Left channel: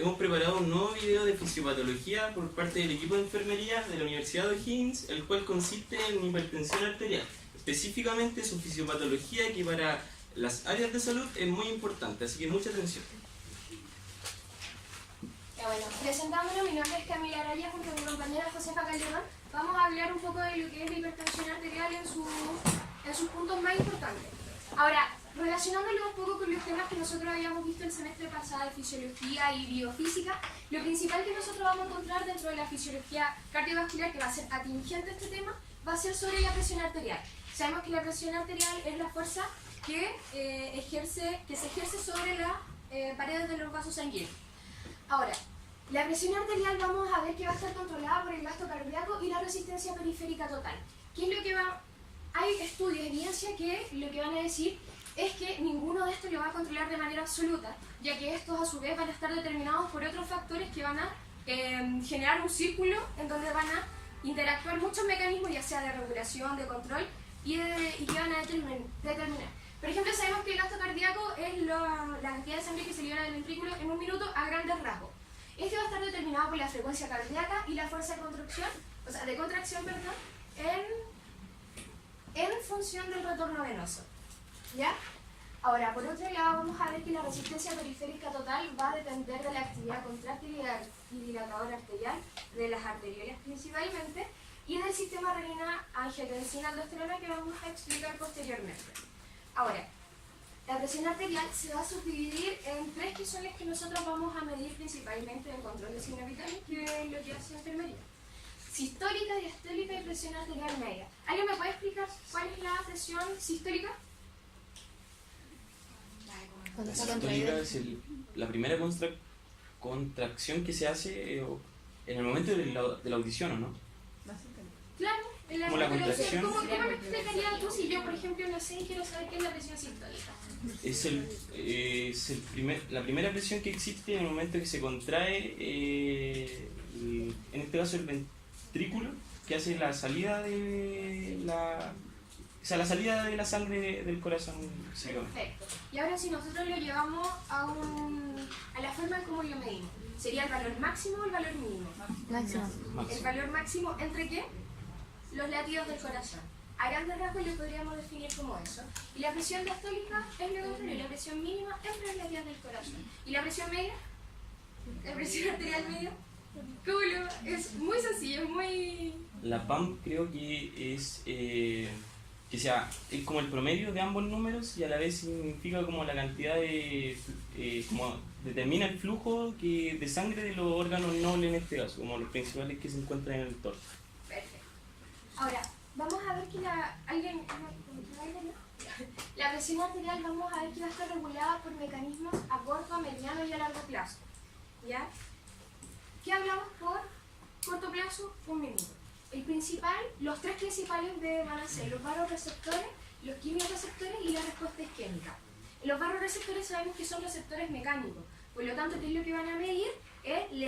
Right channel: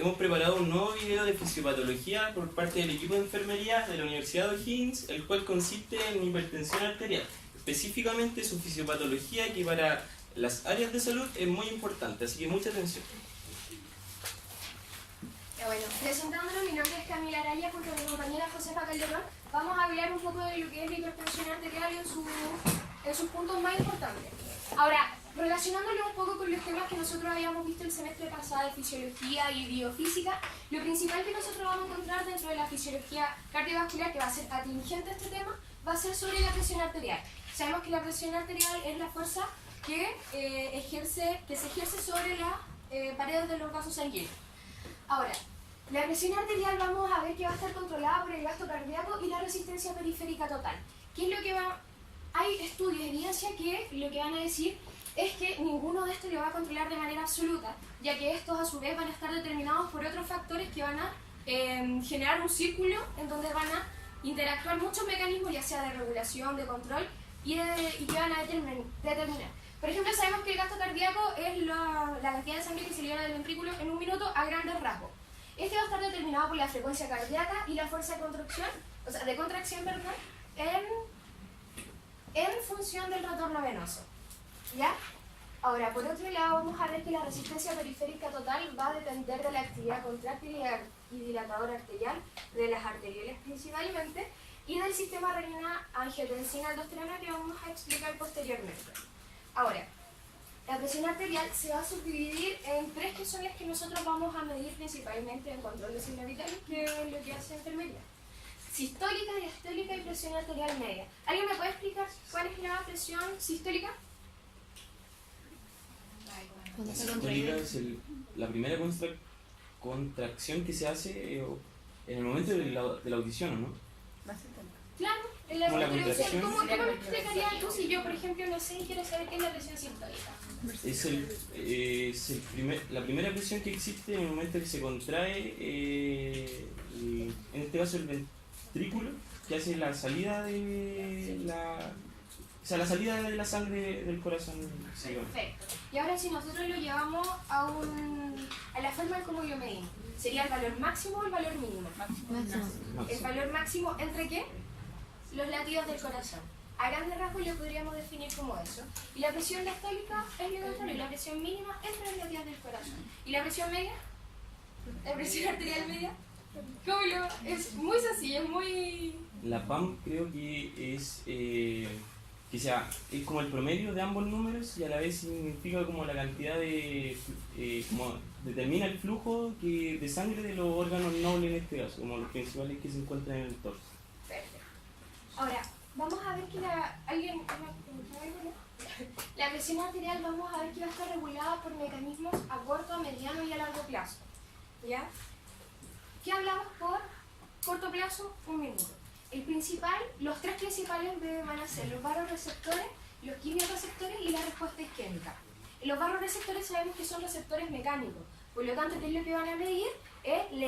hemos preparado un nuevo video de fisiopatología por parte del equipo de enfermería de la Universidad de O'Higgins, el cual consiste en hipertensión arterial, específicamente su fisiopatología, que para las áreas de salud es muy importante, así que mucha atención. Bueno, presentándolo, mi nombre es Camila Araya, junto a mi compañera Josefa Calderón. Vamos a hablar un poco de lo que es la hipertensión arterial en sus puntos más importantes. Ahora, relacionándolo un poco con los temas que nosotros habíamos visto el semestre pasado de fisiología y biofísica, lo principal que nosotros vamos a encontrar dentro de la fisiología cardiovascular, que va a ser atingente a este tema, va a ser sobre la presión arterial. Sabemos que la presión arterial es la fuerza que se ejerce sobre las paredes de los vasos sanguíneos. Ahora, la presión arterial vamos a ver que va a estar controlada por el gasto cardíaco y la resistencia periférica total. ¿Qué es lo que va? Hay estudios, evidencia que lo que van a decir es que ninguno de estos lo va a controlar de manera absoluta, ya que estos a su vez van a estar determinados por otros factores que van a generar un círculo en donde van a interactuar muchos mecanismos, ya sea de regulación, de control, y que van a determinar. Por ejemplo, sabemos que el gasto cardíaco es la cantidad de sangre que se libera del ventrículo en un minuto a grandes rasgos. Este va a estar determinado por la frecuencia cardíaca y la fuerza de contracción, en función del retorno venoso. ¿Ya? Ahora, por otro lado, vamos a ver que la resistencia periférica total va a depender de la actividad contráctil y dilatadora arterial, de las arteriolas principalmente, y del sistema renina-angiotensina-aldosterona que vamos a explicar posteriormente. Ahora, la presión arterial se va a subdividir en tres que son las que nosotros vamos a medir principalmente en control de signos vitales, que es lo que hace enfermería. Sistólica, diastólica y presión arterial media. ¿Alguien me puede explicar cuál es la presión sistólica? La sistólica es la primera contracción que se hace en el momento de la audición, ¿no? Claro, en la contracción. ¿Cómo lo explicarías tú si yo, por ejemplo, no sé y quiero saber qué es la presión sistólica? Es la primera presión que existe en el momento que se contrae, en este caso el ventrículo, que hace la salida de la salida de la sangre del corazón. Perfecto. Y ahora si nosotros lo llevamos a la forma en cómo lo medimos, ¿sería el valor máximo o el valor mínimo? Máximo. ¿El valor máximo entre qué? Los latidos del corazón. A grandes rasgos lo podríamos definir como eso. Y la presión diastólica es lo contrario, la presión mínima entre los latidos del corazón. ¿Y la presión media? ¿La presión arterial media? ¿Cómo lo? Es muy sencillo, es muy... La PAM creo que es como el promedio de ambos números y a la vez significa como la cantidad de... como determina el flujo de sangre de los órganos nobles en este caso, como los principales que se encuentran en el torso. Perfecto. Ahora, vamos a ver que la presión arterial vamos a ver que va a estar regulada por mecanismos a corto, a mediano y a largo plazo. ¿Ya? ¿Qué hablamos por corto plazo? Un minuto. Los tres principales van a ser los barroreceptores, los quimiorreceptores y la respuesta isquémica. Los barroreceptores sabemos que son receptores mecánicos, por lo tanto, ¿qué es lo que van a medir? Es el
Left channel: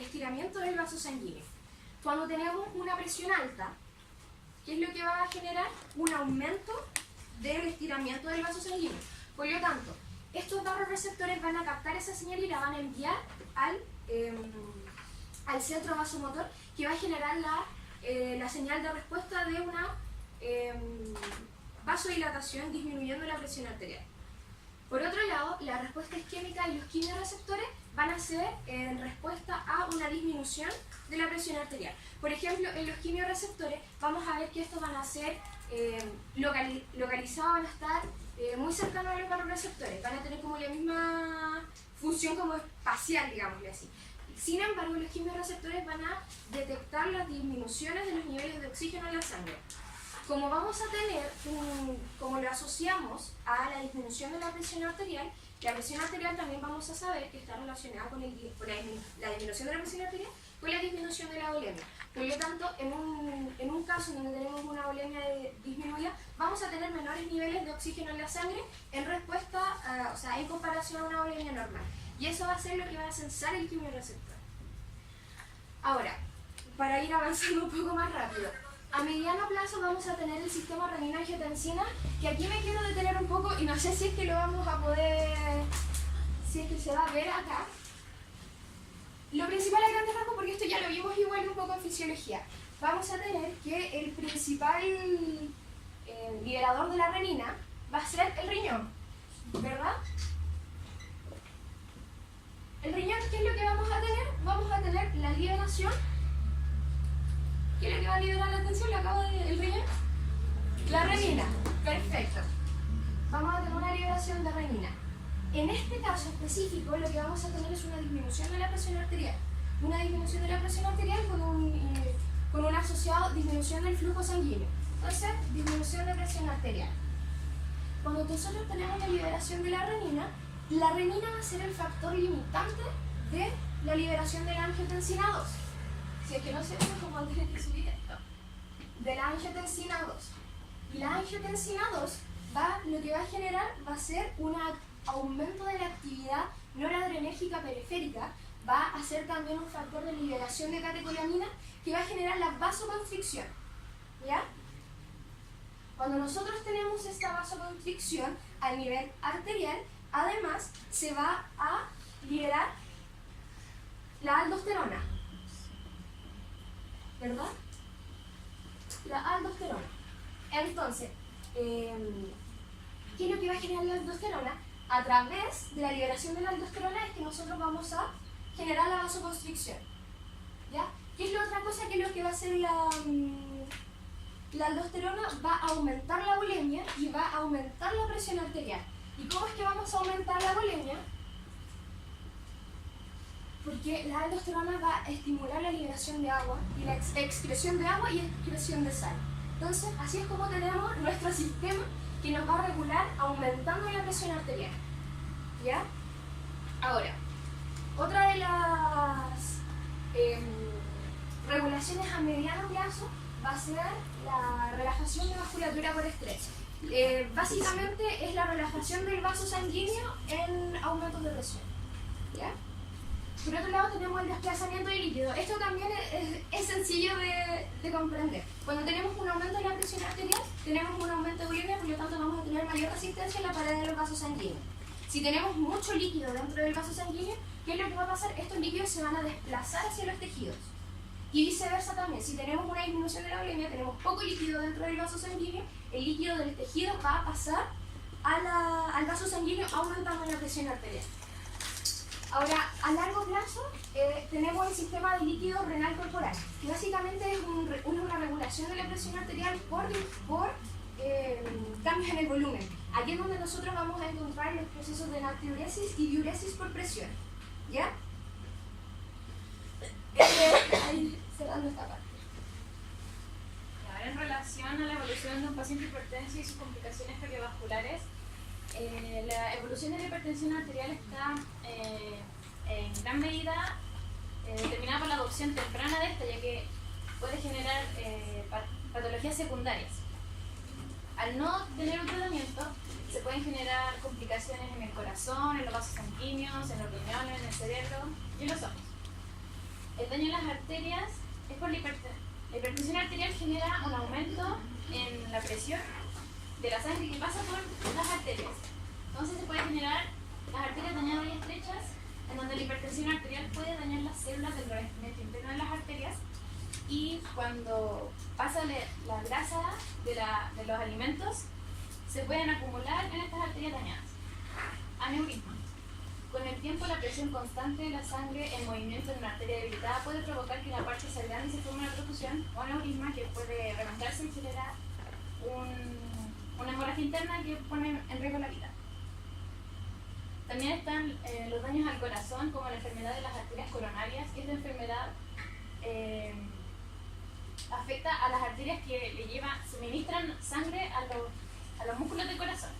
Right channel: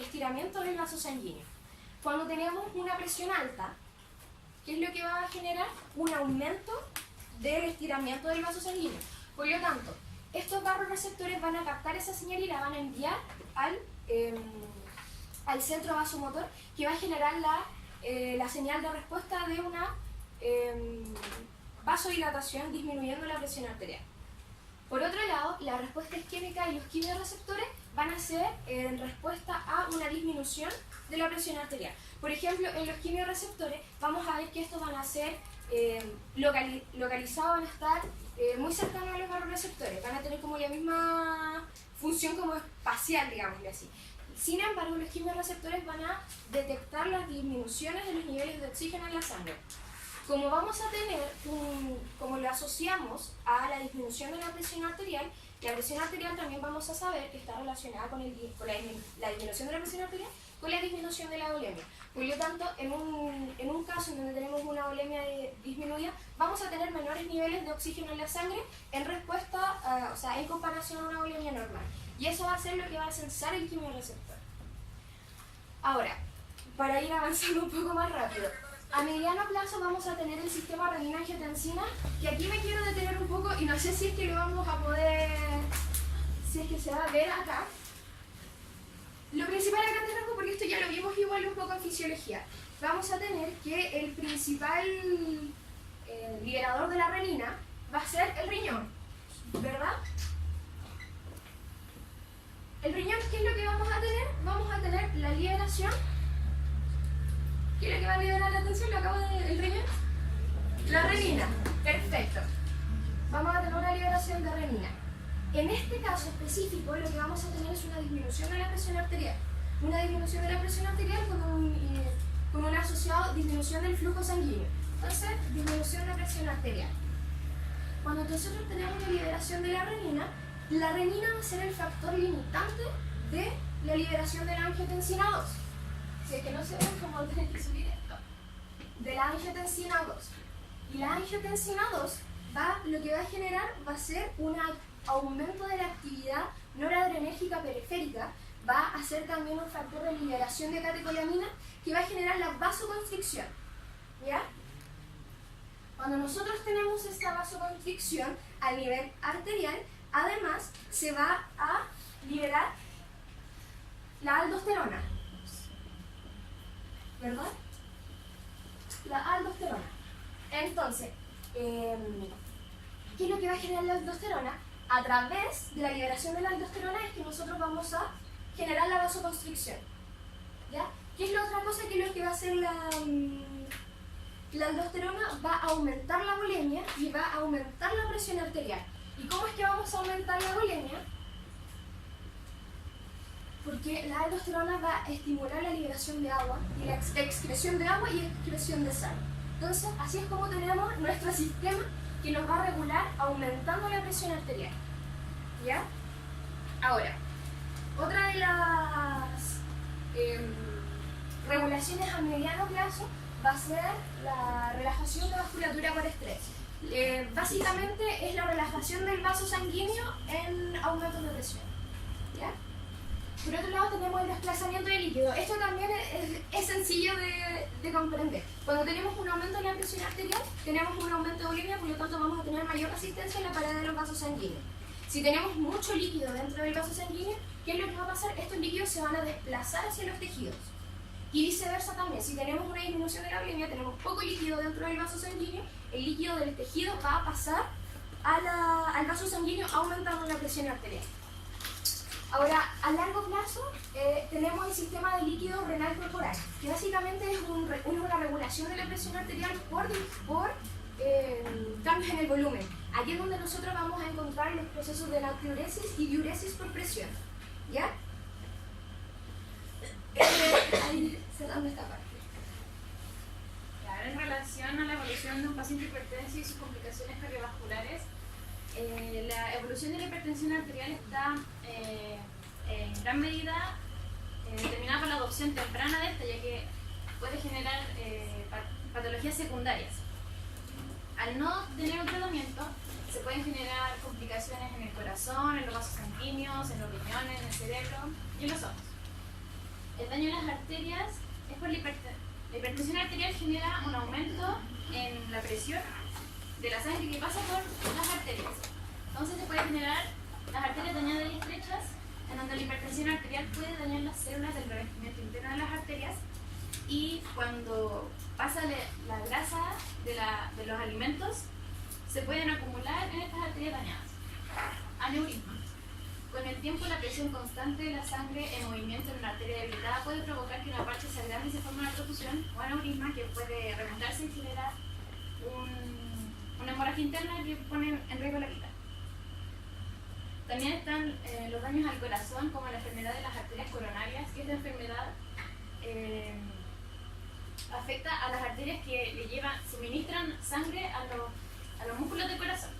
estiramiento del vaso sanguíneo. Cuando tenemos una presión alta, ¿qué es lo que va a generar? Un aumento del estiramiento del vaso sanguíneo. Por lo tanto, estos barroreceptores van a captar esa señal y la van a enviar al centro vasomotor, que va a generar la señal de respuesta de una vasodilatación disminuyendo la presión arterial. Por otro lado, la respuesta isquémica y los quimiorreceptores van a ser en respuesta a una disminución de la presión arterial. Por ejemplo, en los quimiorreceptores vamos a ver que estos van a ser localizados, van a estar muy cercanos a los barroreceptores, van a tener como la misma función como espacial, digámosle así. Sin embargo, los quimiorreceptores van a detectar las disminuciones de los niveles de oxígeno en la sangre. Como vamos a tener, como lo asociamos a la disminución de la presión arterial también vamos a saber que está relacionada con la disminución de la presión arterial con la disminución de la volemia. Por lo tanto, en un caso en donde tenemos una volemia disminuida, vamos a tener menores niveles de oxígeno en la sangre en respuesta, en comparación a una volemia normal. Y eso va a ser lo que va a censar el quimiorreceptor. Ahora, para ir avanzando un poco más rápido, a mediano plazo vamos a tener el sistema renina-angiotensina, que aquí me quiero detener un poco y no sé si es que lo vamos a poder, si es que se va a ver acá. lo principal a grandes rasgos, porque esto ya lo vimos igual un poco en fisiología, vamos a tener que el principal liberador de la renina va a ser el riñón, ¿verdad? El riñón, ¿qué es lo que vamos a tener? Vamos a tener la liberación. ¿Qué es lo que va a liberar la atención? ¿Lo acabo de el riñón? La renina. Perfecto. Vamos a tener una liberación de renina. En este caso específico, lo que vamos a tener es una disminución de la presión arterial. Una disminución de la presión arterial con un asociado disminución del flujo sanguíneo. Entonces, disminución de presión arterial. Cuando nosotros tenemos la liberación de la renina va a ser el factor limitante de la liberación de la angiotensina 2. Si es que no se ve, como tienen que subir esto. De la angiotensina 2. Y la angiotensina 2 lo que va a generar va a ser un aumento de la actividad noradrenérgica periférica, va a ser también un factor de liberación de catecolamina que va a generar la vasoconstricción. ¿Ya? Cuando nosotros tenemos esta vasoconstricción a nivel arterial, además se va a liberar la aldosterona, ¿verdad? La aldosterona. Entonces, ¿qué es lo que va a generar la aldosterona? A través de la liberación de la aldosterona es que nosotros vamos a generar la vasoconstricción. ¿Ya? ¿Qué es la otra cosa? Que es lo que va a hacer la aldosterona? Va a aumentar la volemia y va a aumentar la presión arterial. ¿Y cómo es que vamos a aumentar la volemia? Porque la aldosterona va a estimular la liberación de agua y la excreción de agua y excreción de sal. Entonces, así es como tenemos nuestro sistema que nos va a regular aumentando la presión arterial. ¿Ya? Ahora, otra de las regulaciones a mediano plazo va a ser la relajación de vasculatura por estrés. Básicamente es la relajación del vaso sanguíneo en aumentos de presión. ¿Ya? Por otro lado tenemos el desplazamiento de líquido. Esto también es sencillo de comprender. Cuando tenemos un aumento de la presión arterial, tenemos un aumento de volemia, por lo tanto vamos a tener mayor resistencia en la pared de los vasos sanguíneos. Si tenemos mucho líquido dentro del vaso sanguíneo, ¿qué es lo que va a pasar? Estos líquidos se van a desplazar hacia los tejidos. Y viceversa también, si tenemos una disminución de la volemia, tenemos poco líquido dentro del vaso sanguíneo, el líquido del tejido va a pasar al vaso sanguíneo aumentando la presión arterial. Ahora, a largo plazo, tenemos el sistema de líquido renal corporal, que básicamente es una regulación de la presión arterial por cambios en el volumen. Aquí es donde nosotros vamos a encontrar los procesos de natriuresis y diuresis por presión. ¿Ya? Ahí cerrando esta parte. Ahora, en relación a la evolución de un paciente hipertenso y sus complicaciones cardiovasculares, la evolución de la hipertensión arterial está en gran medida determinada por la adopción temprana de esta, ya que puede generar patologías secundarias. Al no tener un tratamiento, se pueden generar complicaciones en el corazón, en los vasos sanguíneos, en los riñones, en el cerebro y en los ojos. El daño en las arterias es por la hipertensión arterial genera un aumento en la presión de la sangre que pasa por las arterias. Entonces se puede generar las arterias dañadas y estrechas, en donde la hipertensión arterial puede dañar las células del revestimiento interno de las arterias, y cuando pasa la grasa de los alimentos, se pueden acumular en estas arterias dañadas. Aneurisma. Con el tiempo, la presión constante de la sangre en movimiento en una arteria debilitada puede provocar que la parte se agrande y se forme una perfusión o aneurisma, que puede reventarse y generar una hemorragia interna que pone en riesgo la vida. También están los daños al corazón, como la enfermedad de las arterias coronarias, que esta enfermedad afecta a las arterias que suministran sangre a los músculos del corazón.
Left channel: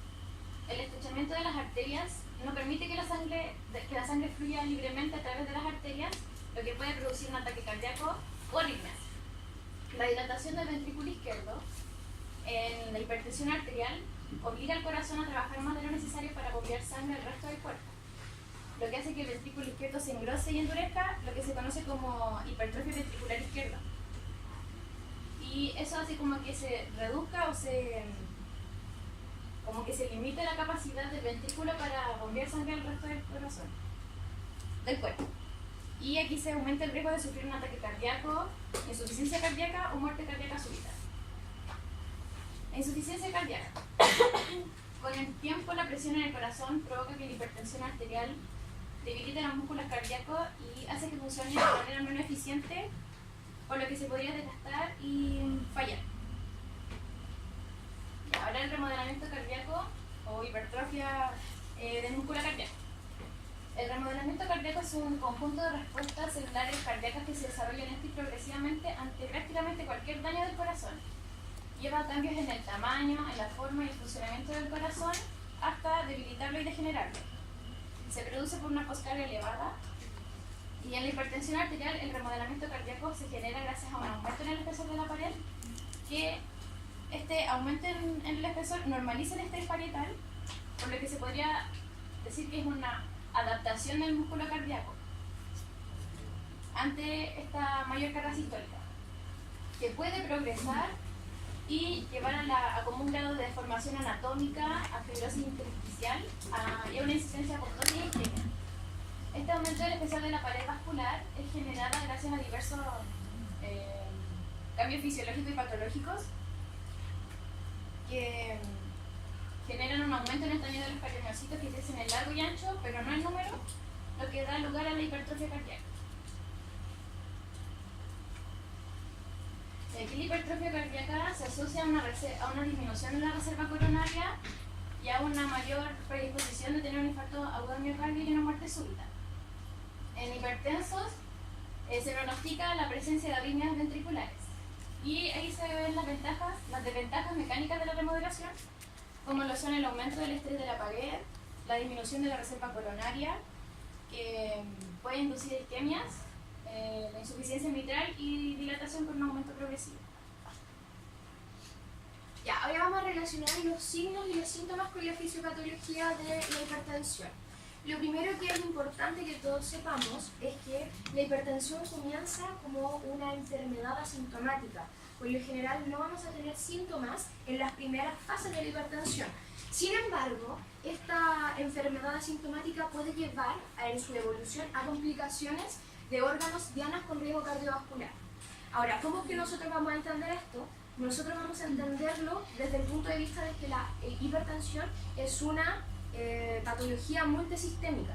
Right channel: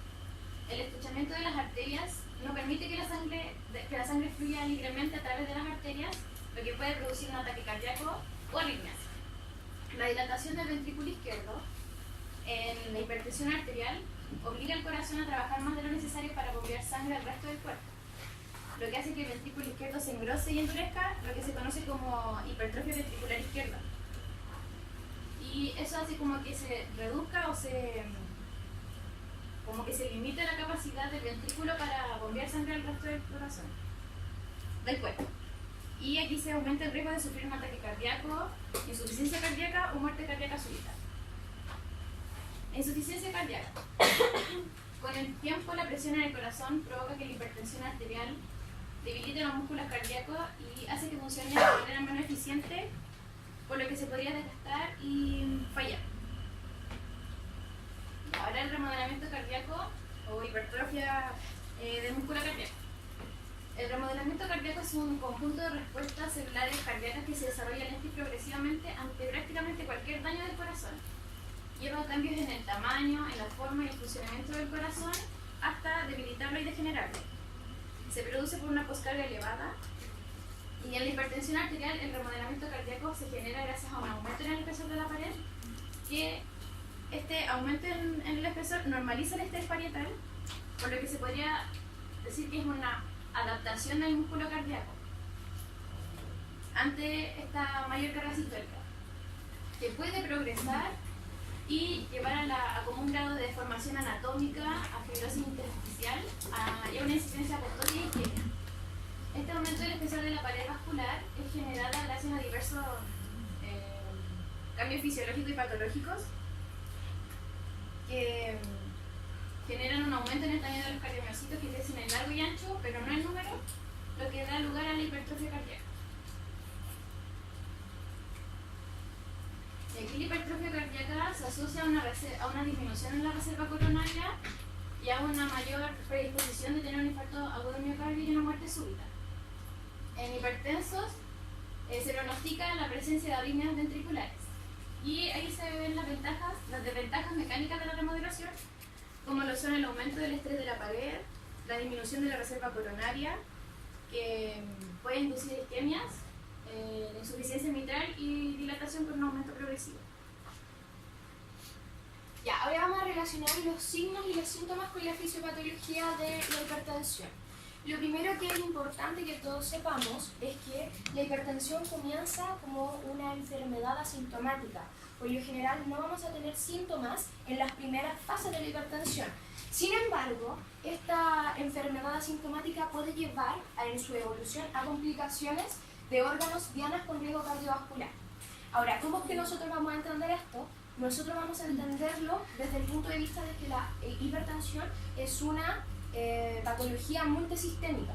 El estrechamiento de las arterias no permite que la sangre fluya libremente a través de las arterias, lo que puede producir un ataque cardíaco o arritmias. La dilatación del ventrículo izquierdo en la hipertensión arterial obliga al corazón a trabajar más de lo necesario para bombear sangre al resto del cuerpo, lo que hace que el ventrículo izquierdo se engrose y endurezca, lo que se conoce como hipertrofia ventricular izquierda. Y eso hace como que se reduzca como que se limite la capacidad del ventrículo para bombear sangre al resto del corazón, del cuerpo. Y aquí se aumenta el riesgo de sufrir un ataque cardíaco, insuficiencia cardíaca o muerte cardíaca súbita. La insuficiencia cardíaca. Con el tiempo, la presión en el corazón provoca que la hipertensión arterial debilite los músculos cardíacos y hace que funcione de manera menos eficiente, por lo que se podría desgastar y fallar. Y ahora el remodelamiento cardíaco o hipertrofia del músculo cardíaco. El remodelamiento cardíaco es un conjunto de respuestas celulares cardíacas que se desarrollan lenta y progresivamente ante prácticamente cualquier daño del corazón. Lleva cambios en el tamaño, en la forma y el funcionamiento del corazón hasta debilitarlo y degenerarlo. Se produce por una poscarga elevada y en la hipertensión arterial el remodelamiento cardíaco se genera gracias a un aumento en el espesor de la pared, que este aumento en el espesor normaliza el estrés parietal, por lo que se podría decir que es una adaptación del músculo cardíaco ante esta mayor carga sistólica, que puede progresar y llevar a como un grado de deformación anatómica, a fibrosis intersticial y a una incidencia apoptosis y isquemia. Este aumento del espesor de la pared vascular es generado gracias a diversos cambios fisiológicos y patológicos que generan un aumento en el tamaño de los cardiomiocitos que crecen en largo y ancho, pero no en número, lo que da lugar a la hipertrofia cardíaca. Aquí la hipertrofia cardíaca se asocia a una disminución en la reserva coronaria y a una mayor predisposición de tener un infarto agudo de miocardio y una muerte súbita. En hipertensos se pronostica la presencia de arritmias ventriculares. Y ahí se ven las desventajas mecánicas de la remodelación, como lo son el aumento del estrés de la pared, la disminución de la reserva coronaria, que puede inducir isquemias, la insuficiencia mitral y dilatación con un aumento progresivo. Ya, ahora vamos a relacionar los signos y los síntomas con la fisiopatología de la hipertensión. Lo primero que es importante que todos sepamos es que la hipertensión comienza como una enfermedad asintomática. Por lo general no vamos a tener síntomas en las primeras fases de la hipertensión. Sin embargo, esta enfermedad asintomática puede llevar en su evolución a complicaciones de órganos dianas con riesgo cardiovascular. Ahora, ¿cómo es que nosotros vamos a entender esto? Nosotros vamos a entenderlo desde el punto de vista de que la hipertensión es una patología multisistémica.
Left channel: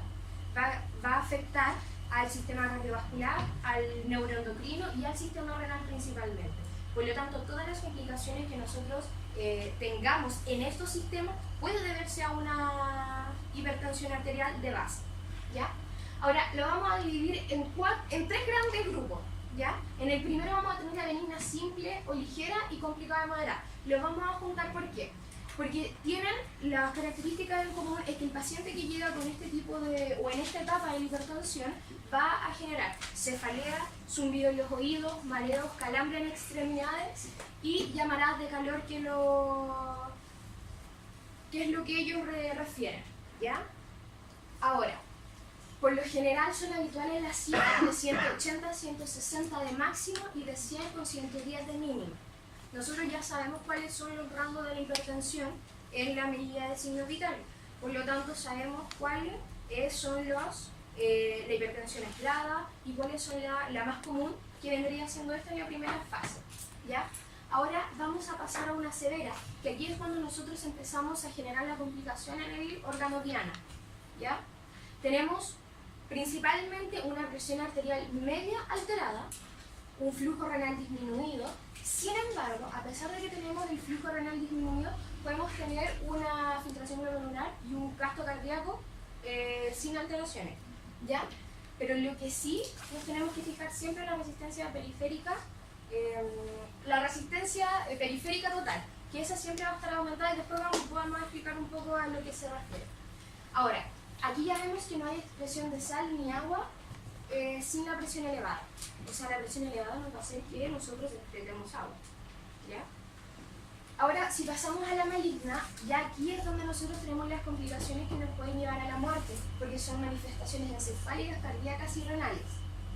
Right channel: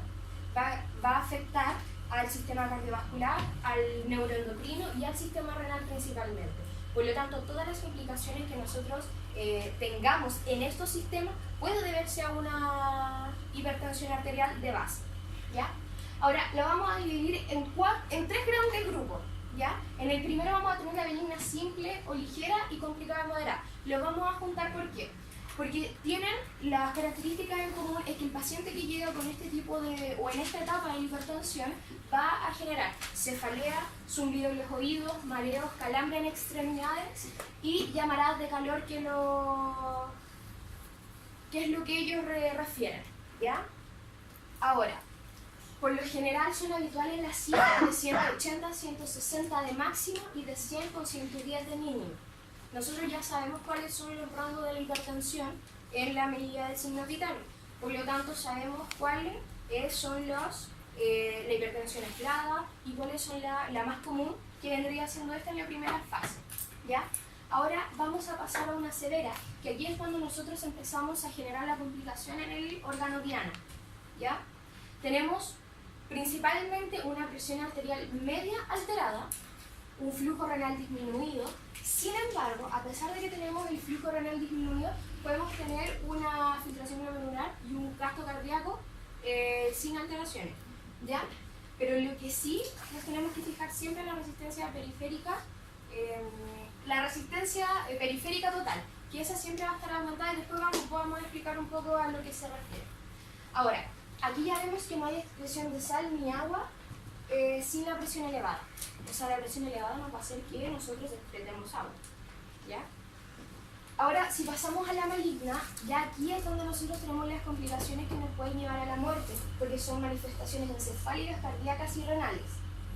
Va a afectar al sistema cardiovascular, al neuroendocrino y al sistema renal principalmente. Por lo tanto, todas las complicaciones que nosotros tengamos en estos sistemas puede deberse a una hipertensión arterial de base, ¿ya? Ahora, lo vamos a dividir en tres grandes grupos, ¿ya? En el primero vamos a tener la benigna simple o ligera y complicada de moderada. Lo vamos a juntar, ¿por qué? Porque tienen las características en común, es que el paciente que llega con este tipo de, o en esta etapa de hipertensión, va a generar cefalea, zumbido en los oídos, mareos, calambre en extremidades y llamaradas de calor, que es lo que ellos refieren, ¿ya? Ahora, por lo general son habituales las cifras de 180 a 160 de máximo y de 100 con 110 de mínimo. Nosotros ya sabemos cuáles son los rangos de la hipertensión en la medida de signos vitales. Por lo tanto, sabemos cuáles son la hipertensión aislada y cuáles son la más común, que vendría siendo esta en la primera fase, ¿ya? Ahora vamos a pasar a una severa, que aquí es cuando nosotros empezamos a generar la complicación en el órgano diana, ¿ya? Tenemos principalmente una presión arterial media alterada, un flujo renal disminuido. Sin embargo, a pesar de que tenemos el flujo renal disminuido, podemos tener una filtración glomerular y un gasto cardíaco sin alteraciones, ¿ya? Pero lo que sí nos tenemos que fijar siempre en la resistencia periférica, total, que esa siempre va a estar aumentada y después vamos a explicar un poco a lo que se refiere. Ahora, aquí ya vemos que no hay excreción de sal ni agua sin la presión elevada. O sea, la presión elevada nos va a hacer que nosotros excretemos agua, ¿ya? Ahora, si pasamos a la maligna, ya aquí es donde nosotros tenemos las complicaciones que nos pueden llevar a la muerte, porque son manifestaciones encefálicas, cardíacas y renales,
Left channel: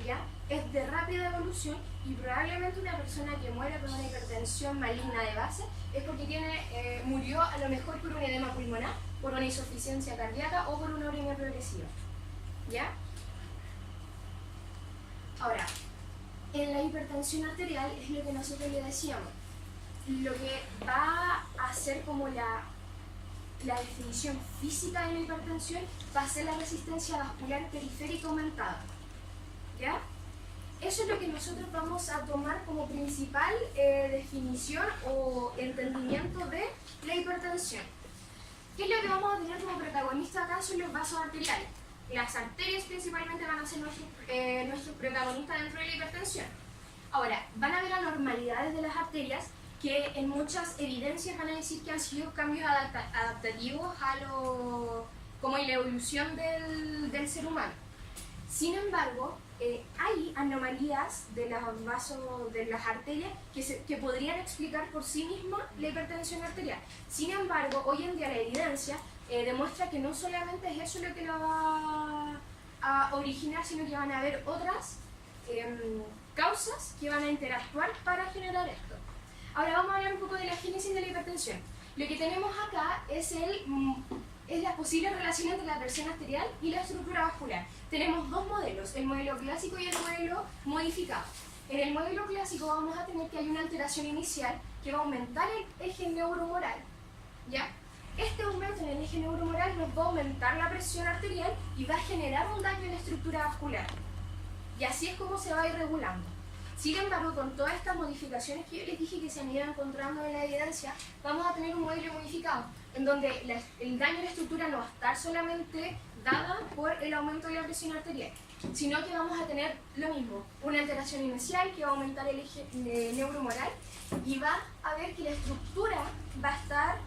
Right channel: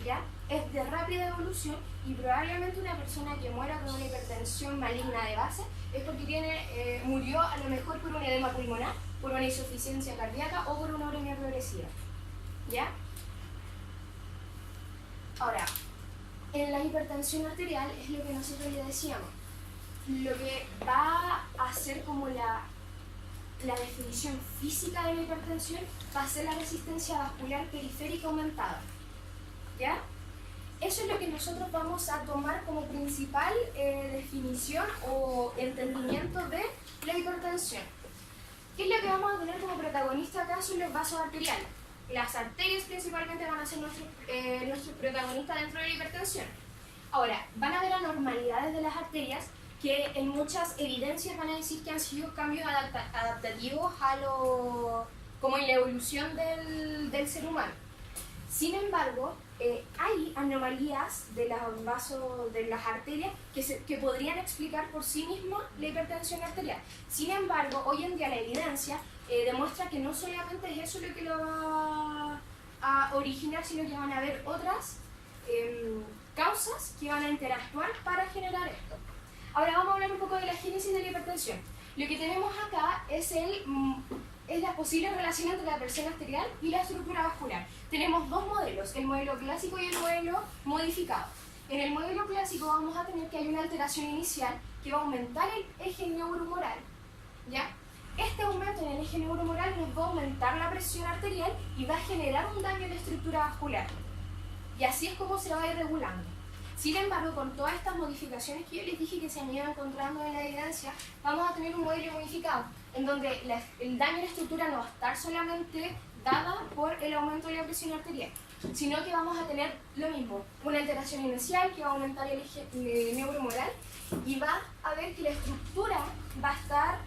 ¿ya? Es de rápida evolución y probablemente una persona que muera con una hipertensión maligna de base es porque murió a lo mejor por un edema pulmonar, por una insuficiencia cardíaca o por una uremia progresiva, ¿ya? Ahora, en la hipertensión arterial es lo que nosotros le decíamos. Lo que va a ser como la definición física de la hipertensión va a ser la resistencia vascular periférica aumentada. ¿Ya? Eso es lo que nosotros vamos a tomar como principal definición o entendimiento de la hipertensión. ¿Qué es lo que vamos a tener como protagonista acá? Son los vasos arteriales. Las arterias principalmente van a ser nuestros protagonistas dentro de la hipertensión. Ahora, van a haber anormalidades de las arterias que en muchas evidencias van a decir que han sido cambios adaptativos como en la evolución del ser humano. Sin embargo, hay anomalías de los vasos, de las arterias que podrían explicar por sí mismas la hipertensión arterial. Sin embargo, hoy en día la evidencia demuestra que no solamente es eso lo que lo va a originar, sino que van a haber otras causas que van a interactuar para generar esto. Ahora vamos a hablar un poco de la génesis de la hipertensión. Lo que tenemos acá es la posible relación entre la presión arterial y la estructura vascular. Tenemos dos modelos, el modelo clásico y el modelo modificado. En el modelo clásico vamos a tener que hay una alteración inicial que va a aumentar el eje neuromoral, ¿ya? Este aumento en el eje neuromoral nos va a aumentar la presión arterial y va a generar un daño en la estructura vascular. Y así es como se va a ir regulando. Sin embargo, con todas estas modificaciones que yo les dije que se han ido encontrando en la evidencia, vamos a tener un modelo modificado, en donde el daño en la estructura no va a estar solamente dada por el aumento de la presión arterial, sino que vamos a tener lo mismo, una alteración inicial que va a aumentar el eje neuromoral y va a ver que la estructura va a estar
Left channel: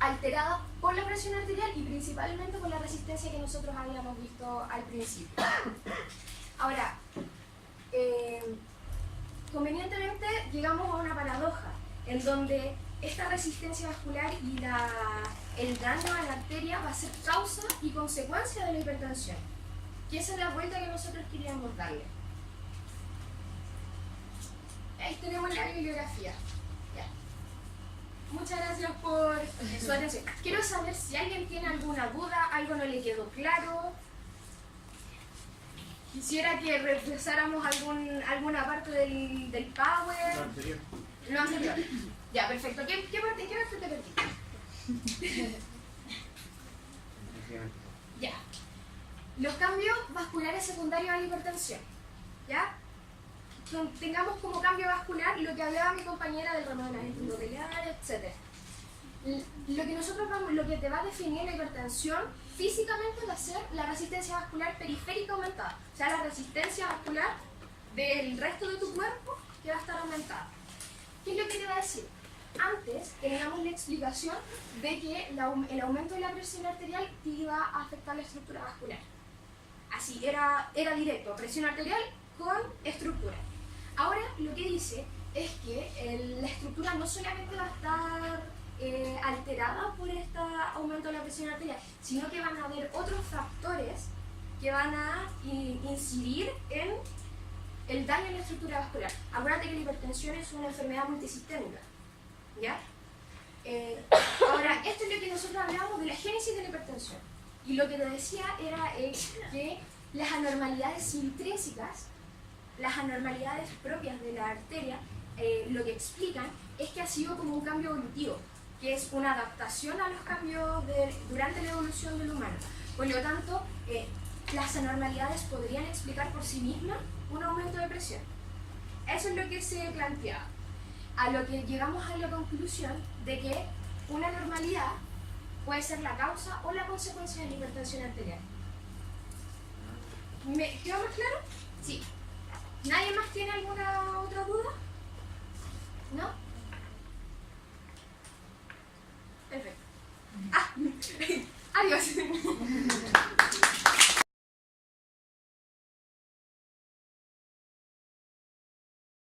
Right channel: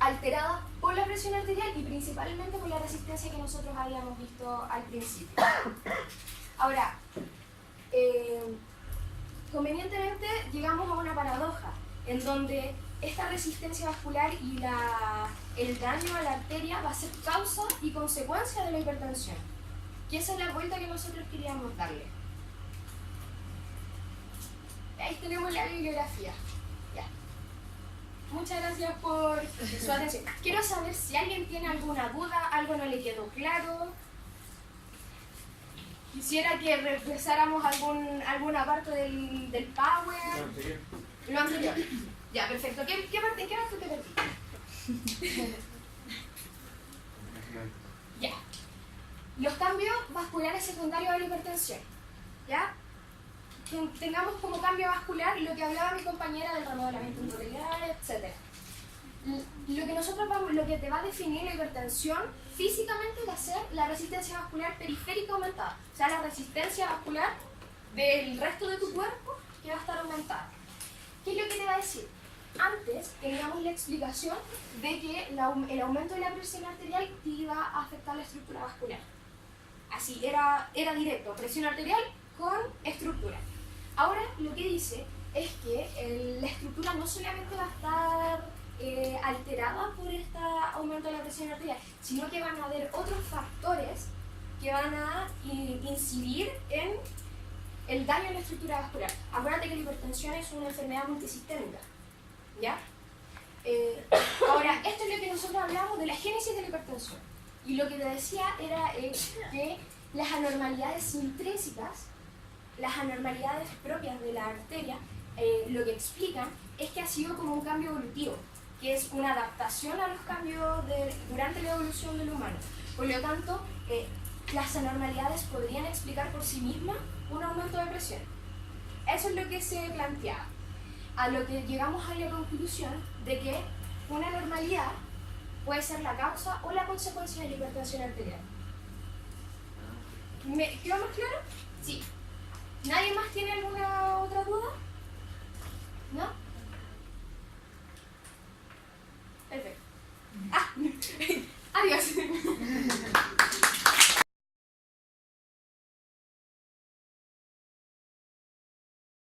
alterada por la presión arterial y principalmente por la resistencia que nosotros habíamos visto al principio. Ahora, convenientemente llegamos a una paradoja en donde esta resistencia vascular y el daño a la arteria va a ser causa y consecuencia de la hipertensión. Y esa es la vuelta que nosotros queríamos darle. Ahí tenemos la bibliografía. Ya. Muchas gracias por su atención. Quiero saber si alguien tiene alguna duda, algo no le quedó claro. Quisiera que repasáramos alguna parte del Power. Lo anterior. Ya, perfecto. ¿Qué parte te perdí? Ya. Los cambios vasculares secundarios a la hipertensión. ¿Ya? Tengamos como cambio vascular lo que hablaba mi compañera del remodelamiento endotelial, etc. Lo que te va a definir la hipertensión físicamente va a ser la resistencia vascular periférica aumentada. O sea, la resistencia vascular del resto de tu cuerpo que va a estar aumentada. ¿Qué es lo que te va a decir? Antes teníamos la explicación de que el aumento de la presión arterial te iba a afectar la estructura vascular. Así, era directo, presión arterial con estructura. Ahora lo que dice es que la estructura no solamente va a estar alterada por este aumento de la presión arterial, sino que van a haber otros factores que van a incidir en el daño en la estructura vascular. Acuérdate que la hipertensión es una enfermedad multisistémica, ¿ya? Ahora, esto es lo que nosotros hablamos de la génesis de la hipertensión. Y lo que te decía era que las anormalidades intrínsecas, las anormalidades propias de la arteria, lo que explican es que ha sido como un cambio evolutivo, que es una adaptación a los cambios durante la evolución del humano. Por lo tanto, las anormalidades podrían explicar por sí mismas un aumento de presión. Eso es lo que se planteaba. A lo que llegamos a la conclusión de que una anormalidad puede ser la causa o la consecuencia de la hipertensión arterial. ¿Me quedó más claro? Sí. ¿Nadie más tiene alguna otra duda? ¿No? Perfecto. Adiós.